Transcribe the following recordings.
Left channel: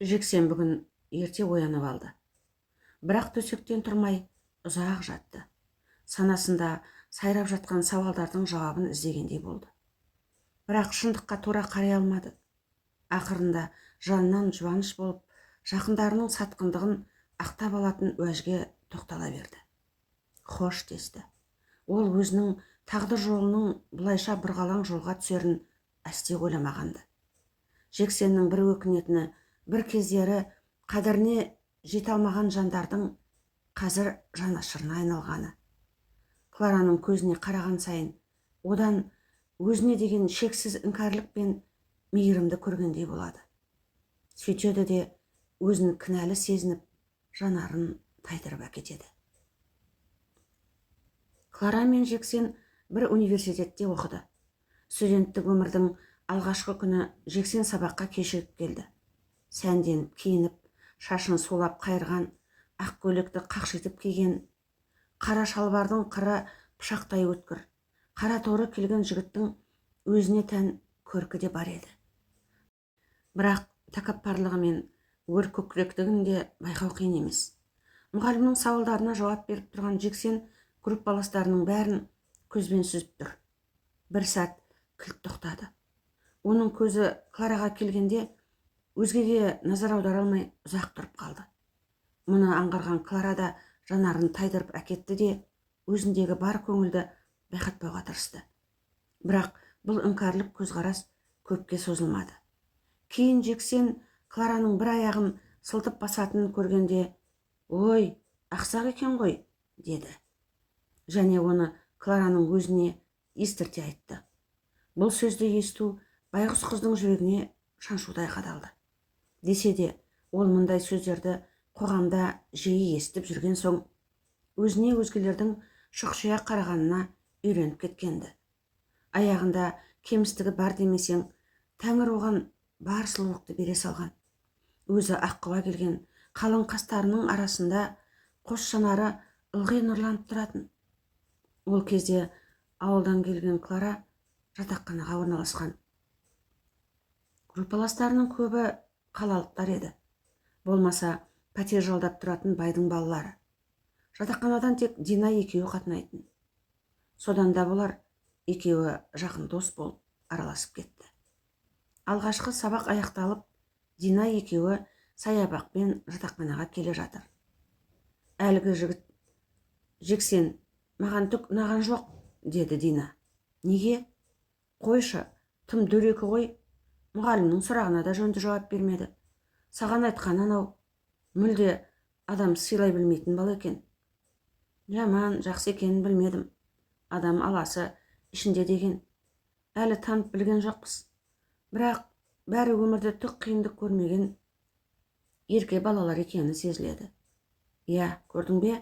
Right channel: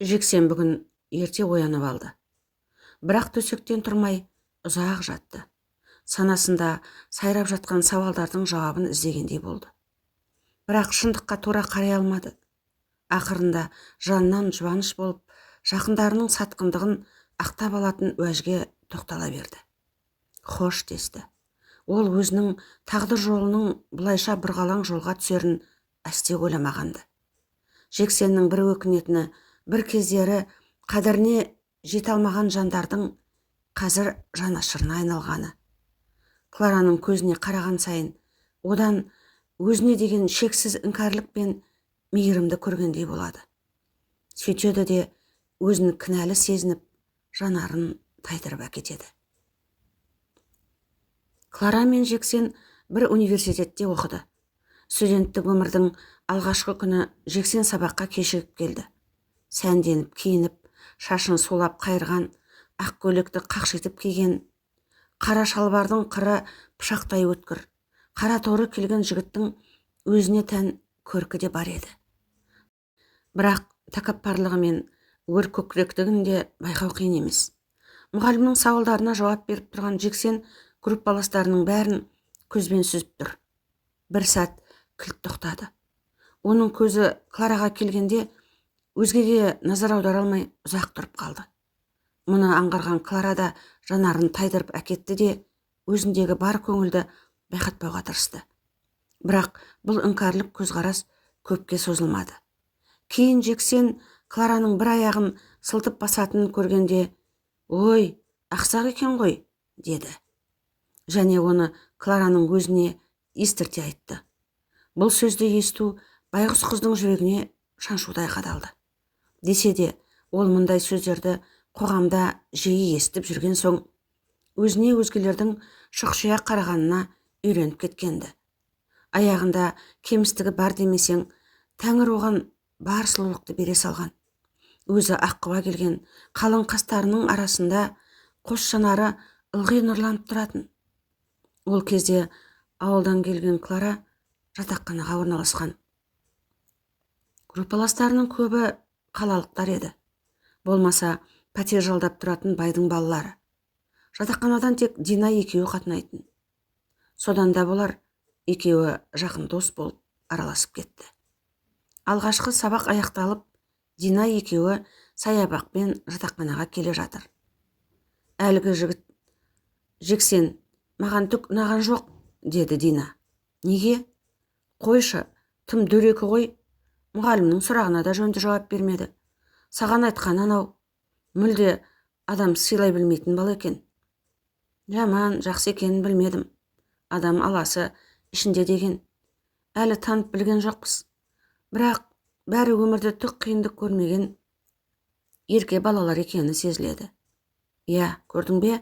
Жексен бүгін ерте оянып алды. Бірақ төсектен тұрмай ұзақ жатты. Санасында сайрап жатқан сауалдардың жауабын іздегендей болды. Бірақ шындыққа тура қарай алмады. Ақырында жанынан жұбаныш болып, жақындарының сатқындығын ақтап алатын уәжге тоқтала берді. Хош десті. Ол өзінің тағдыр жолының бұлайша бұрғалаң жолға түсерін әсте ойламағанды. Жексеннің бір өкінетіні, бір кездері қадіріне жете алмаған жандардың қазір жанашырына айналғаны. Клараның көзіне қараған сайын одан өзіне деген шексіз іңкәрлік пен мейірімді көргендей болады. Сөйтеді де өзін кінәлі сезініп, жанарын тайдырып әкетеді. Клара мен Жексен бір университетте оқыды. Студенттік өмірдің алғашқы күні Жексен сабаққа кешігіп келді. Сәнденіп, киініп, шашын сулап қайырған, ақ көйлекті қақшитып киген, қара шалбардың қыры пышақтай өткір, қара торы келген жігіттің өзіне тән көркі де бар еді. Бірақ тәкаппарлығы мен өр көкіректігін де байқау қиын емес. Мұғалімнің сауалдарына жауап беріп тұрған Жексен группаластарының бәрін көзбен сүзіп тұр. Бір сәт кілт тоқтады. Оның көзі Клараға келгенде өзгеге назар аудара алмай ұзақ тұрып қалды. Мұны аңғарған Клара да жанарын тайдырып әкетті де өзіндегі бар көңілді байқатпауға тырысты. Бірақ бұл іңкәрлік көзқарас көпке созылмады. Кейін Жексен Клараның бір аяғын сылтып басатынын көргенде, «Ой, ақсақ екен ғой», деді. Және оны Клараның өзіне естірте айтты. Бұл сөзді есту байғұс қыздың жүрегіне шаншудай қадалды. Десе де, ол мұндай сөздерді қоғамда жиі естіп жүрген соң, өзіне өзгелердің шұқшия қарағанына үйреніп кеткенді. Аяғында кемістігі бар демесең, Тәңір оған бар сұлулықты бере салған. Өзі аққұба келген қалың қастарының арасында қос жанары ылғи нұрланып тұратын. Ол кезде ауылдан келген Клара жатақханаға орналасқан. Группаластарының көбі қалалықтар еді. Болмаса пәтер жалдап тұратын байдың балалары. Жатақханадан тек Дина екеуі қатынайтын. Содан да болар екеуі жақын дос болып араласып кетті. Алғашқы сабақ аяқталып, Дина екеуі саябақпен жатақханаға келе жатыр. Әлгі жігіт, «Жексен, маған түк ұнаған жоқ», деді Дина. «Неге? Қойшы, тым дөрекі ғой. Мұғалімнің сұрағына да жөнді жауап бермеді. Саған айтқан анау, мүлде адам сыйлай білмейтін бала екен». «Жаман, жақсы екенін білмедім. Адам аласы ішінде деген. Әлі танып білген жоқпыз. Бірақ бәрі өмірде түк қиындық көрмеген ерке балалар екені сезіледі. Иә, көрдің бе?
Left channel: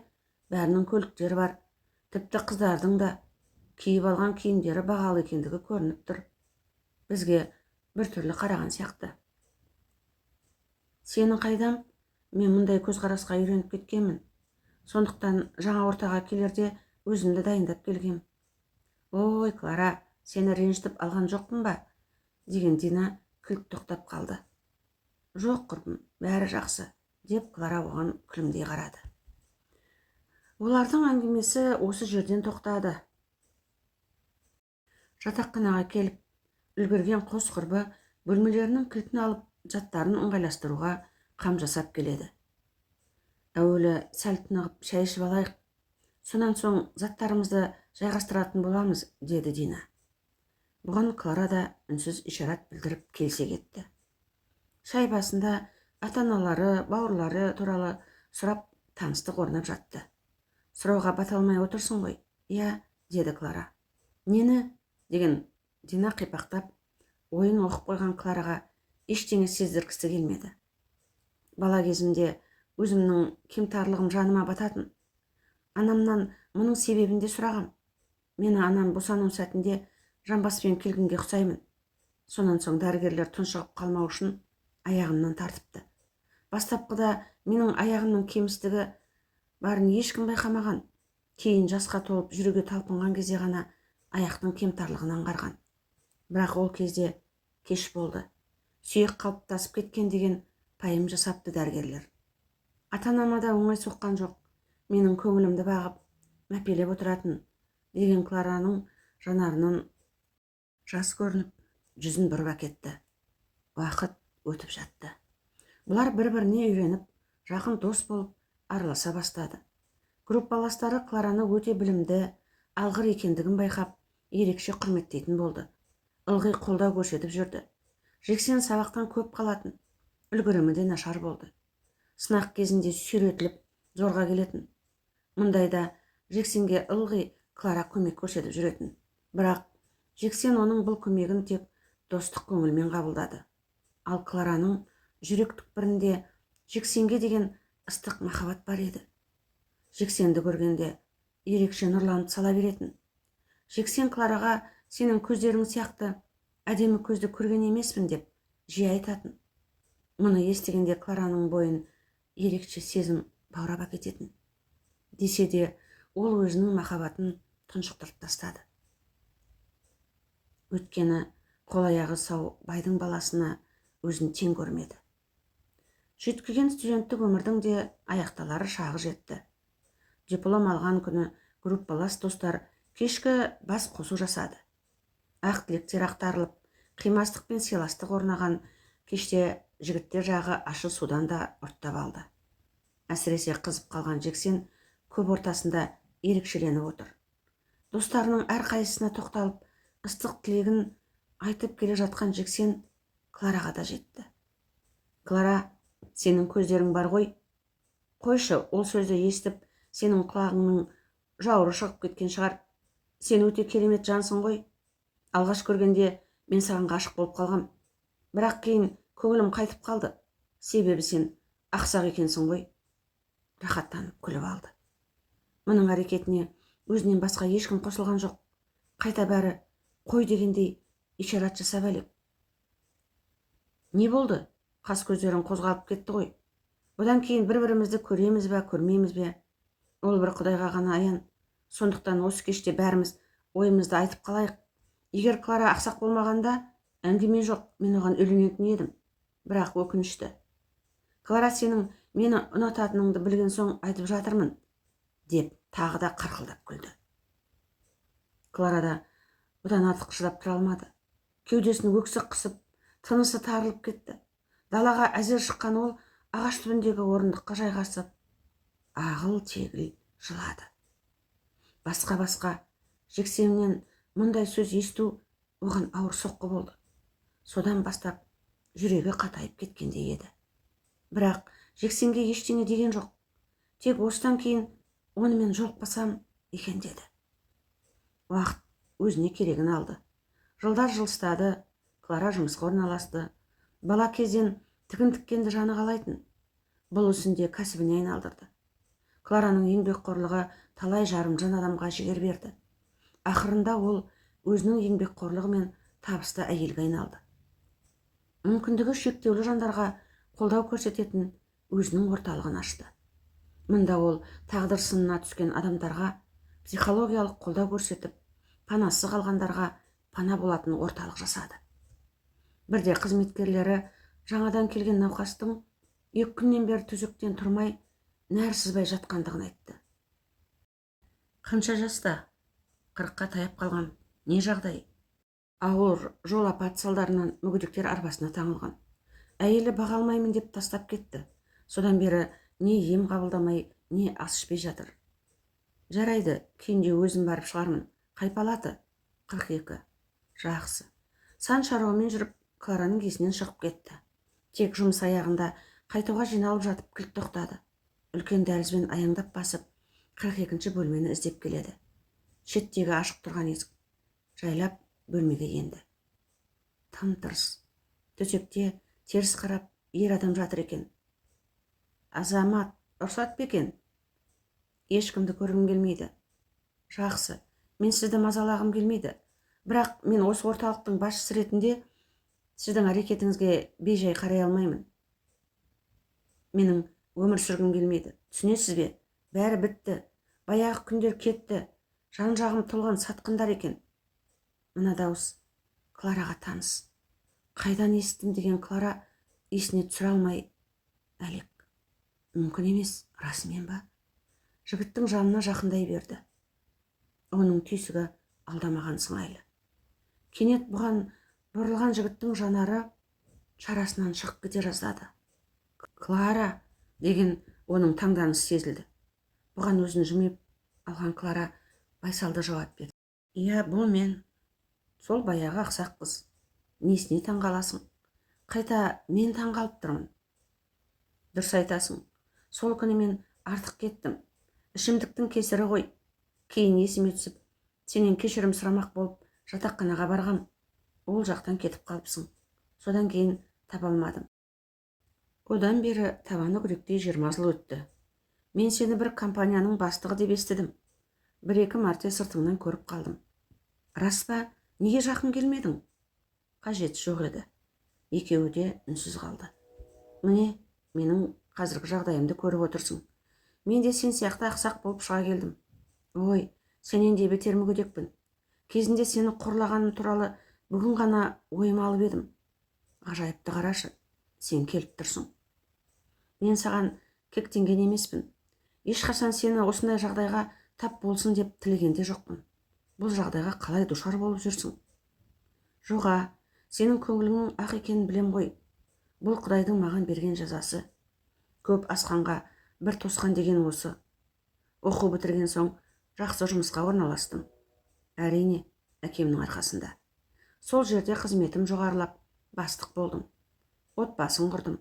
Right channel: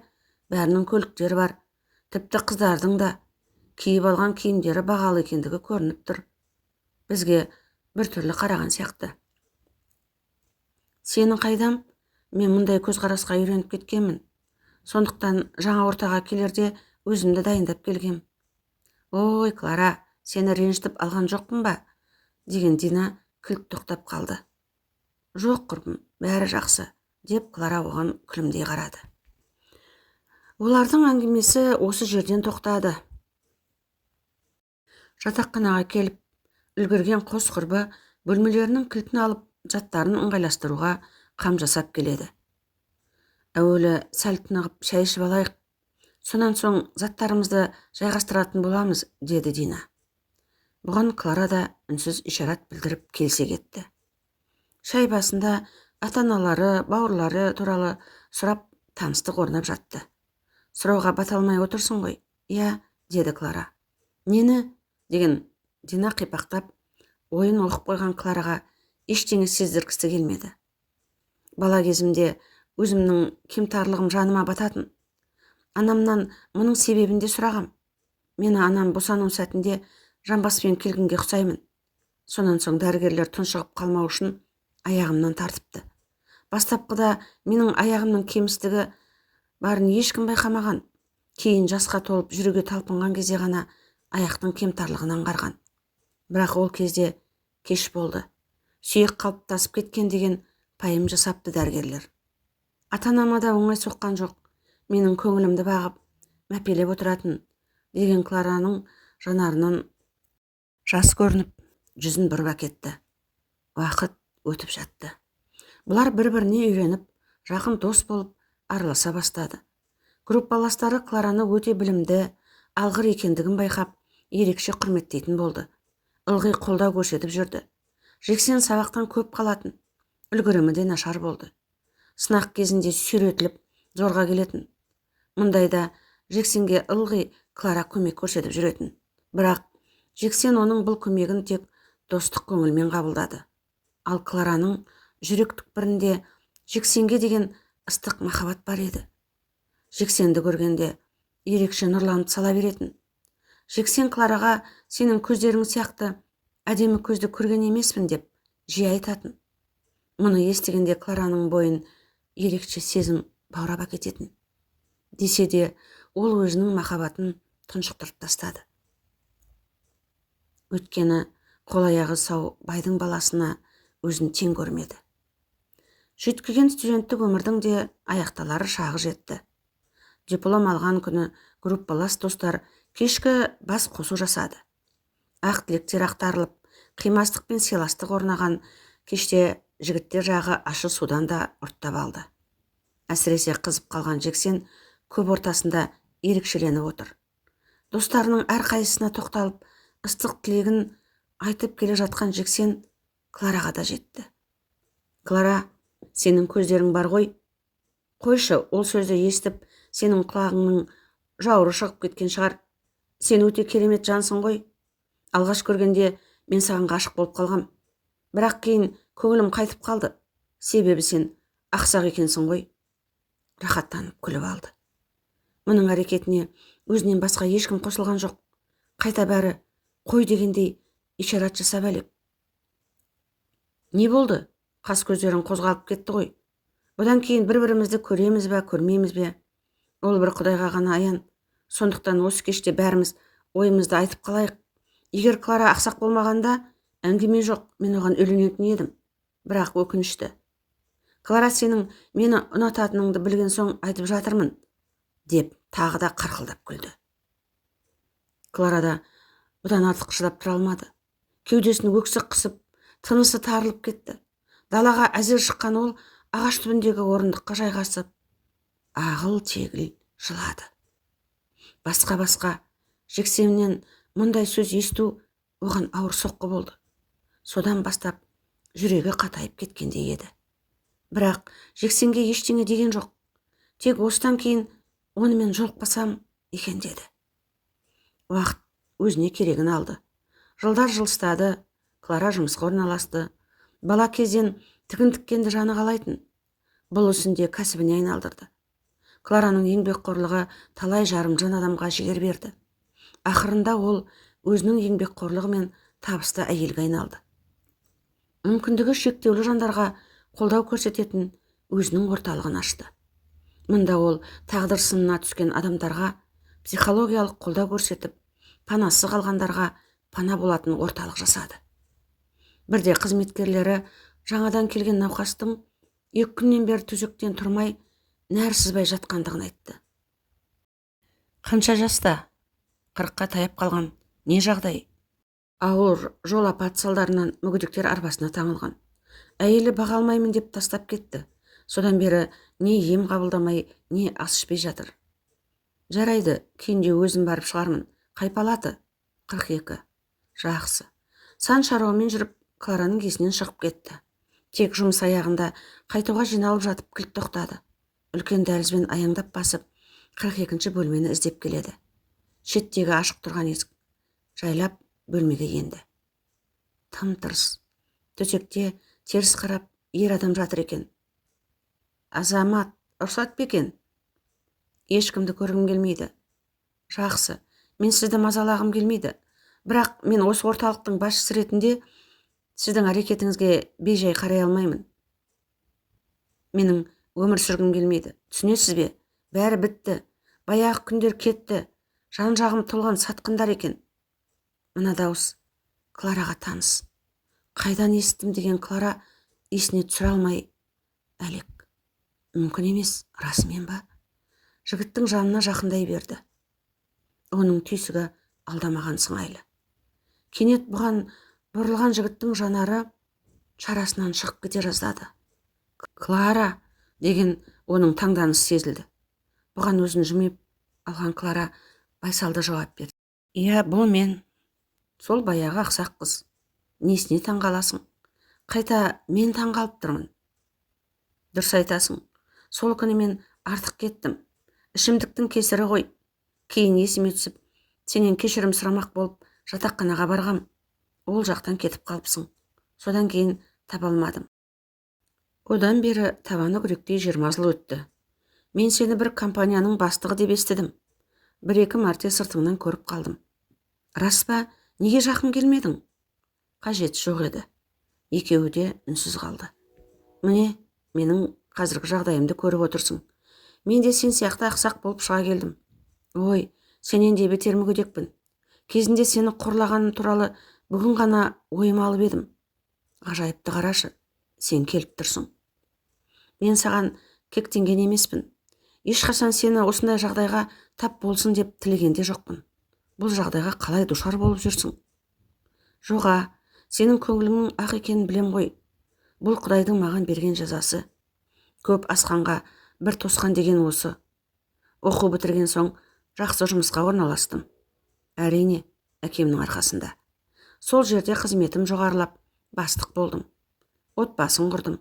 Бәрінің көліктері бар. Тіпті қыздардың да киіп алған киімдері бағалы екендігі көрініп тұр. Бізге бір түрлі қараған сияқты». «Сенің қайдам? Мен мұндай көзқарасқа үйреніп кеткенмін. Сондықтан жаңа ортаға келерде өзімді дайындап келгем». «Ой, Клара, сені ренжітіп алған жоқпын ба?» деген Дина кілт тоқтап қалды. «Жоқ, құрбым, бәрі жақсы», деп Клара оған күлімдей қарады. Олардың әңгімесі осы жерден тоқтады. Жатақханаға келіп үлгерген қос құрбы бөлмелерінің кілтін алып, заттарын ыңғайластыруға қам жасап келеді. «Әуелі сәл тынығып шай ішіп алайық, сонан соң заттарымызды жайғастыратын боламыз», деді Дина. Бұған Клара да үнсіз ишарат білдіріп келсе кетті. Шай басында ата-аналары, бауырлары туралы сұрап таныстық орнап жатты. «Сұрауға бата алмай отырсың ғой?» «Иә», деді Клара. «Нені?» деген Дина қипақтап, ойын оқып қойған Клараға ештеңе сездіргісі келмеді. «Бала кезімде өзімнің кемтарлығым жаныма бататын. Анамнан мұның себебінде сұрағам. Мені анам босану сәтінде жамбаспен келгенге ұқсаймын. Сонан соң дәрігерлер тұншығып қалмау үшін аяғымнан тартыпты. Бастапқыда менің аяғымның кемістігі барын ешкім байқамаған. Кейін жасқа толып жүруге талпынған кезде ғана аяқтың кемтарлығын аңғарған. Бірақ ол кезде кеш болды. Сүйек қалыптасып кеткен деген пайым жасапты дәрігерлер. Ата-анама да оңай соққан жоқ, менің көңілімді бағып, мәпелеп отыратын, деген Клараның жанарынан жас көрініп, жүзін бұрып әкетті. Уақыт өтіп жатты. Бұлар бір-біріне үйреніп, жақын дос болып араласа бастады. Группаластары Клараны өте білімді, алғыр екендігін байқап, ерекше құрметтейтін болды. Ылғи қолдау көрсетіп жүрді. Жексен сабақтан көп қалатын, үлгерімі де нашар болды. Сынақ кезінде сүйретіліп, зорға келетін. Мұндайда Жексенге ылғи Клара көмек көрсетіп жүретін. Бірақ Жексен оның бұл көмегін тек достық көңілмен қабылдады. Ал Клараның жүрек түкпірінде Жексенге деген ыстық махаббат бар еді. Жексенді көргенде ерекше нұрланып сала беретін. Жексен Клараға сенің көздерің сияқты әдемі көзді көрген емеспін деп жиі айтатын. Мұны естігенде Клараның бойын ерекше сезім баурап әкететін. Десе де ол өзінің махаббатын тұншықтырып тастады. Өйткені қол-аяғы сау байдың баласына өзін тең көрмеді. Жүйткіген студенттік өмірдің де аяқталары шағы жетті. Диплом алған күні группалас достар кешкі бас қосу жасады. Ақ тілектер ақтарылып, қимастық пен сыйластық орнаған кеште жігіттер жағы ащы судан да ұрттап алды. Әсіресе қызып қалған Жексен көп ортасында ерекшеленіп отыр. Достарының әрқайсысына тоқталып, ыстық тілегін айтып келе жатқан Жексен Клараға да жетті. Клара, сенің көздерің бар ғой. Қойшы, ол сөзді естіп, сенің құлағыңның жауыры шығып кеткен шығар. Сен өте керемет жансың ғой. Алғаш көргенде мен саған ғашық болып қалғам. Бірақ кейін көңілім қайтып қалды. Себебі сен ақсақ екенсің ғой. Рахаттанып күліп алды. Мұның әрекетіне өзінен басқа ешкім қосылған жоқ. Қайта бәрі қой дегендей ишарат жасап әлек. Не болды? Қас көздерің қозғалып кетті ғой. Бұдан кейін бір-бірімізді көреміз бе, көрмейміз бе? Ол бір Құдайға ғана аян. Сондықтан осы кеште бәріміз ойымызды айтып қалайық. Егер Клара ақсақ болмағанда, әңгіме жоқ, мен оған үйленетін едім. Бірақ өкінішті. Клара, сенің мені ұнататыныңды білген соң айтып жатырмын, деп тағы да қарқылдап күлді. Клара да бұдан артық шыдап тұра алмады. Кеудесін өксік қысып, тынысы тарылып кетті. Далаға әзер шыққан ол ағаш түбіндегі орындыққа жайғасып, ағыл-тегіл жылады. Басқа Жексеннен мұндай сөз есту оған ауыр соққы болды. Содан бастап жүрегі қатайып кеткендей еді. Бірақ Жексенге ештеңе деген жоқ. Тек осыдан кейін онымен жолықпасам екен деді. Уақыт өзіне керегін алды. Жылдар жылыстады, Клара жұмысқа орналасты. Бала кезден тігін тіккенді жаны қалайтын. Бұл ісінде кәсібіне айналдырды. Клараның еңбекқорлығы талай жарымжан адамға жігер берді. Ақырында ол өзінің еңбекқорлығы мен табысты әйелге айналды. Мүмкіндігі шектеулі жандарға қолдау көрсететін өзінің орталығын ашты. Мұнда ол тағдыр сынына түскен адамдарға психологиялық қолдау көрсетіп, панасы қалғандарға пана болатын орталық жасады. Бірде қызметкерлері жаңадан келген науқастың 2 күннен бері төсектен тұрмай, нәр сызбай жатқандығын айтты. Қанша жаста? 40-қа таяп қалған. Не жағдай? Ауыр жол апаты салдарынан мүгедектер арбасына таңылған. Әйелі баға алмаймын деп тастап кетті. Содан бері не ем қабылдамай, не ас ішпей жатыр. Жарайды, кейінде өзім барып шығармын. Қай палаты? 42. Жақсы. Сан шаруамен жүріп, Клараның есінен шығып кетті. Тек жұмыс аяғында қайтуға жиналып жатып кілт тоқтады. Үлкен дәлізбен аяңдап басып, 42-ші бөлмені іздеп келеді. Шеттегі ашық тұрған есік жайлап бөлмеге енді. Тым-тырыс. Төсекте теріс қарап ер адам жатыр екен. Азамат, рұқсат па екен? Ешкімді көргім келмейді. Жақсы, мен сізді мазалағым келмейді. Бірақ мен осы орталықтың басшысы ретінде сіздің әрекетіңізге бейжай қарай алмаймын. Менің өмір сүргім келмейді. Түсінесіз бе? Бәрі бітті. Баяғы күндер кетті. Жан-жағым толған сатқындар екен. Мына дауыс Клараға таныс. Қайдан естідім деген Клара есіне түсіре алмай әлек. Мүмкін емес, расымен ба? Жігіттің жанына жақындай берді. Оның түйсігі алдамаған сыңайлы. Кенет бұған бұрылған жігіттің жанары шарасынан шығып кете жаздады. Клара деген оның таңданысы сезілді. Бұған өзін жымиып алған Клара байсалды жауап берді. Иә, бұл мен. Сол баяғы ақсақ қыз. Несіне таңғаласың? Қайта мен таңғалып тұрмын. Дұрыс айтасың. Сол күні мен артық кеттім. Ішімдіктің кесірі ғой. Кейін есіме түсіп, сенен кешірім сұрамақ болып жатақханаға барғам. Ол жақтан кетіп қалыпсың. Содан кейін таба алмадым. Одан бері табаны күректей 20 жыл өтті. Мен сені бір компанияның бастығы деп естідім. Бір-екі мәрте сыртыңнан көріп қалдым. Рас па, неге жақын келмедің? Қажеті жоқ еді. Екеуі де үнсіз қалды. Міне, менің қазіргі жағдайымды көріп отырсың. Мен де сен сияқты ақсақ болып шыға келдім. Ой, сенен де бетер мүгедекпін. Кезінде сені қорлағаным туралы бүгін ғана ойыма алып едім. Ғажайыпты қарашы, сен келіп тұрсың. Мен саған кектенген емеспін. Ешқашан сені осындай жағдайға тап болсын деп тілеген де жоқпын. Бұл жағдайға қалай душар болып жүрсің? Жоға, сенің көңіліңнің ақ екенін білем ғой. Бұл Құдайдың маған берген жазасы. Көп асқанға бір тосқан деген осы. Оқу бітірген соң жақсы жұмысқа орналастым. Әрине, әкемнің арқасында. Сол жерде қызметім жоғарылап, бастық болдым. Отбасын құрдым.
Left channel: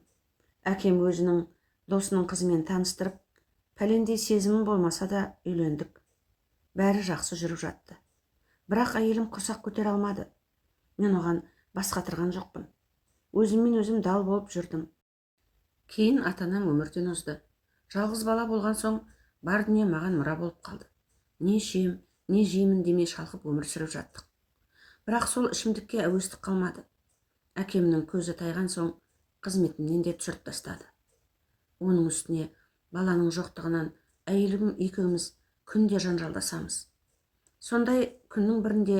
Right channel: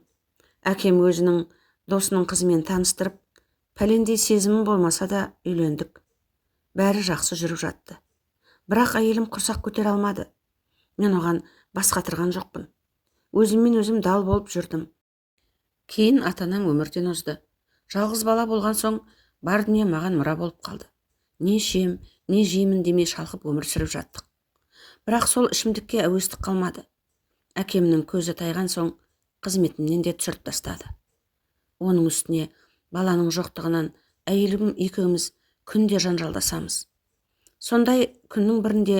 Әкем өзінің досының қызымен таныстырып, пәлендей сезімім болмаса да үйлендік. Бәрі жақсы жүріп жатты. Бірақ әйелім құрсақ көтере алмады. Мен оған бас қатырған жоқпын. Өзіммен өзім дал болып жүрдім. Кейін ата-анам өмірден озды. Жалғыз бала болған соң бар дүние маған мұра болып қалды. Не ішем, не жеймін демей шалқып өмір сүріп жаттық. Бірақ сол ішімдікке әуестік қалмады. Әкемнің көзі тайған соң қызметімнен де түсіріп тастады. Оның үстіне баланың жоқтығынан әйелім екеуміз күнде жанжалдасамыз. Сондай күннің бірінде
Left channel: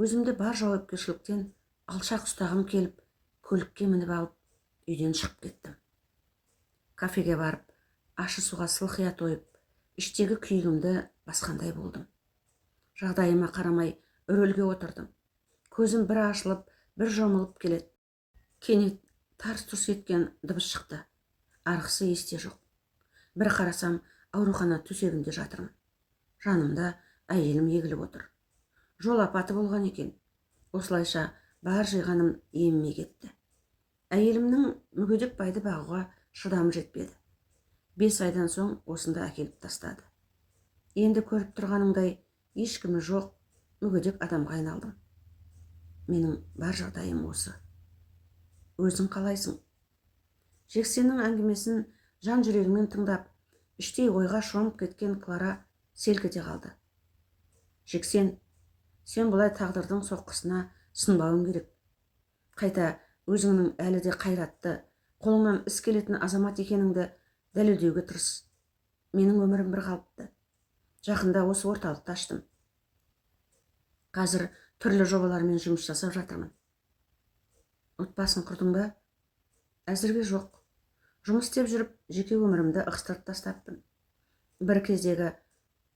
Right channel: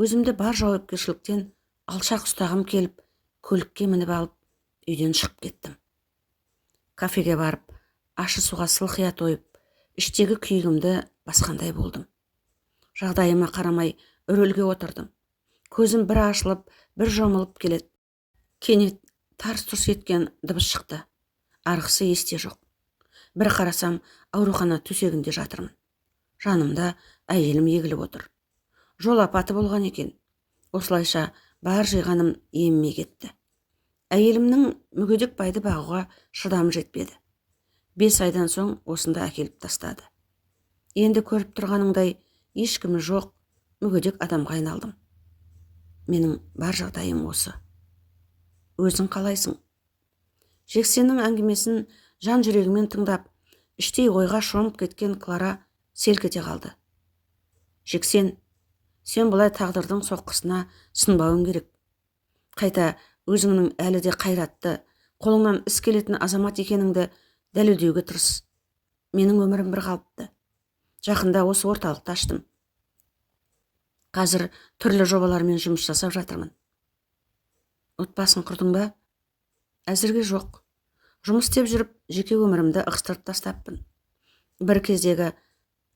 өзімді бар жауапкершіліктен алшақ ұстағым келіп, көлікке мініп алып, үйден шығып кеттім. Кафеге барып, ащы суға сылқия тойып, іштегі күйігімді басқандай болдым. Жағдайыма қарамай үрелге отырдым. Көзім бір ашылып, бір жұмылып келеді. Кенет тарс-тұрс еткен дыбыс шықты. Арғысы есте жоқ. Бір қарасам, аурухана төсегінде жатырмын. Жанымда әйелім егіліп отыр. Жол апаты болған екен. Осылайша бар жиғаным еміме кетті. Әйелімнің мүгедек байды бағуға шыдамы жетпеді. 5 айдан соң осында әкеліп тастады. Енді көріп тұрғаныңдай ешкімі жоқ, мүгедек адамға айналдым. Менің бар жағдайым осы. Өзің қалайсың? Жексеннің әңгімесін жан жүрегімен тыңдап, іштей ойға шомып кеткен Клара селк ете қалды. Жексен, сен бұлай тағдырдың соққысына сынбауың керек. Қайта өзіңнің әлі де қайратты, қолыңнан іс келетін азамат екеніңді дәлелдеуге тырыс. Менің өмірім бір қалыпты. Жақында осы орталықты аштым. Қазір түрлі жобалармен жұмыс жасап жатырмын. Отбасын құрдың ба? Әзірге жоқ. Жұмыс істеп жүріп, жеке өмірімді ығыстырып тастаппын. Бір кездегі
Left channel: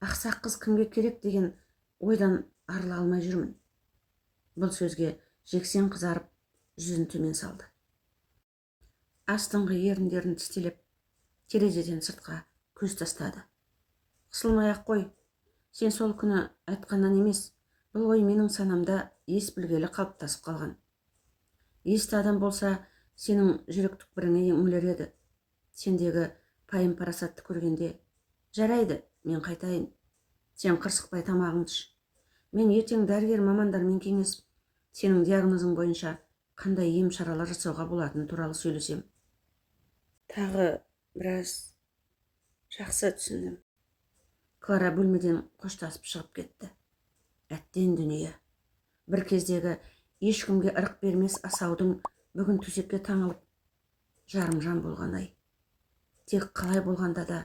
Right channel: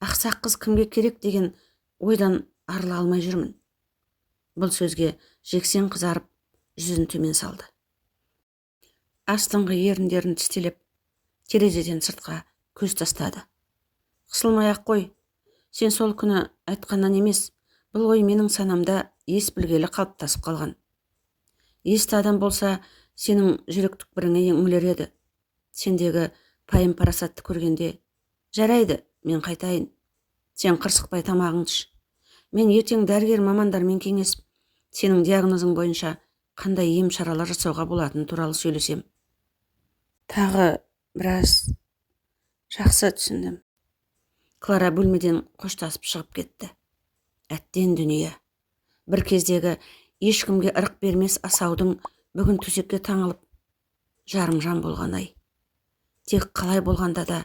ақсақ қыз кімге керек деген ойдан арыла алмай жүрмін. Бұл сөзге Жексен қызарып, жүзін төмен салды. Астыңғы еріндерін тістелеп, терезеден сыртқа көз тастады. Қысылмай-ақ қой. Сен сол күні айтқаннан емес, бұл ой менің санамда ес білгелі қалыптасып қалған. Есті адам болса, сенің жүрек түкпіріңе үңілер еді. Сендегі пайым парасатты көргенде, жарайды, мен қайтайын. Сен қырсықпай тамағыңды іш. Мен ертең дәрігер мамандармен кеңесіп, сенің диагнозың бойынша қандай ем шаралар жасауға болатыны туралы сөйлесем. Тағы біраз жақсы түсіндім. Клара бөлмеден қоштасып шығып кетті. Әттен дүние. Бір кездегі ешкімге ырық бермес асаудың бүгін төсекке таңылып, жарым жан болған ай. Тек қалай болғанда да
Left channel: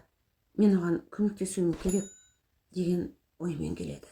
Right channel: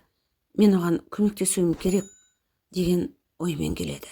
мен оған көмектесуім керек деген оймен келеді.